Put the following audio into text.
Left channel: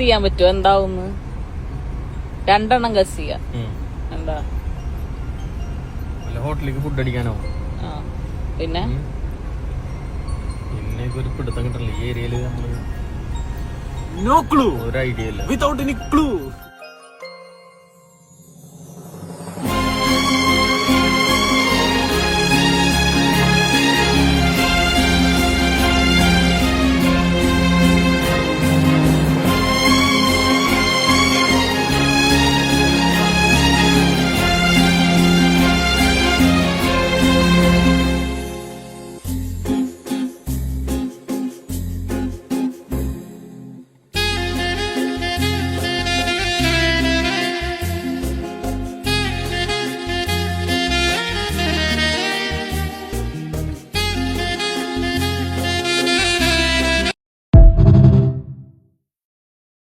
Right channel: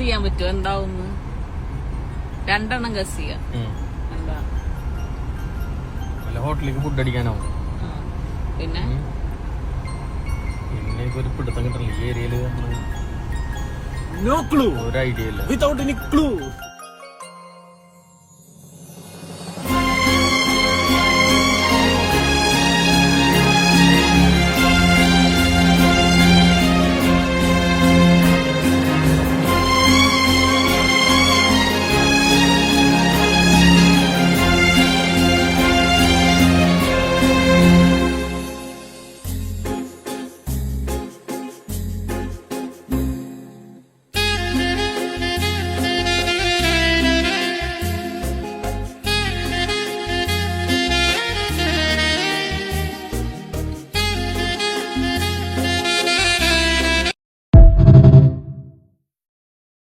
ചെയ്യാൻ പറ്റുമോ എന്താവും? 2 എണ്ണം ഗസ് ചെയ്യാം. എന്താ? ഹോട്ടലിലേക്ക് ഫുഡ് അടിക്കാനാവും. പിന്നെ ഒരു പിടുത്തം കിട്ടണില്ല ഈ ഏരിയയില്. No clue. ഒരു ഐഡിയ ഇല്ല. Without any clue.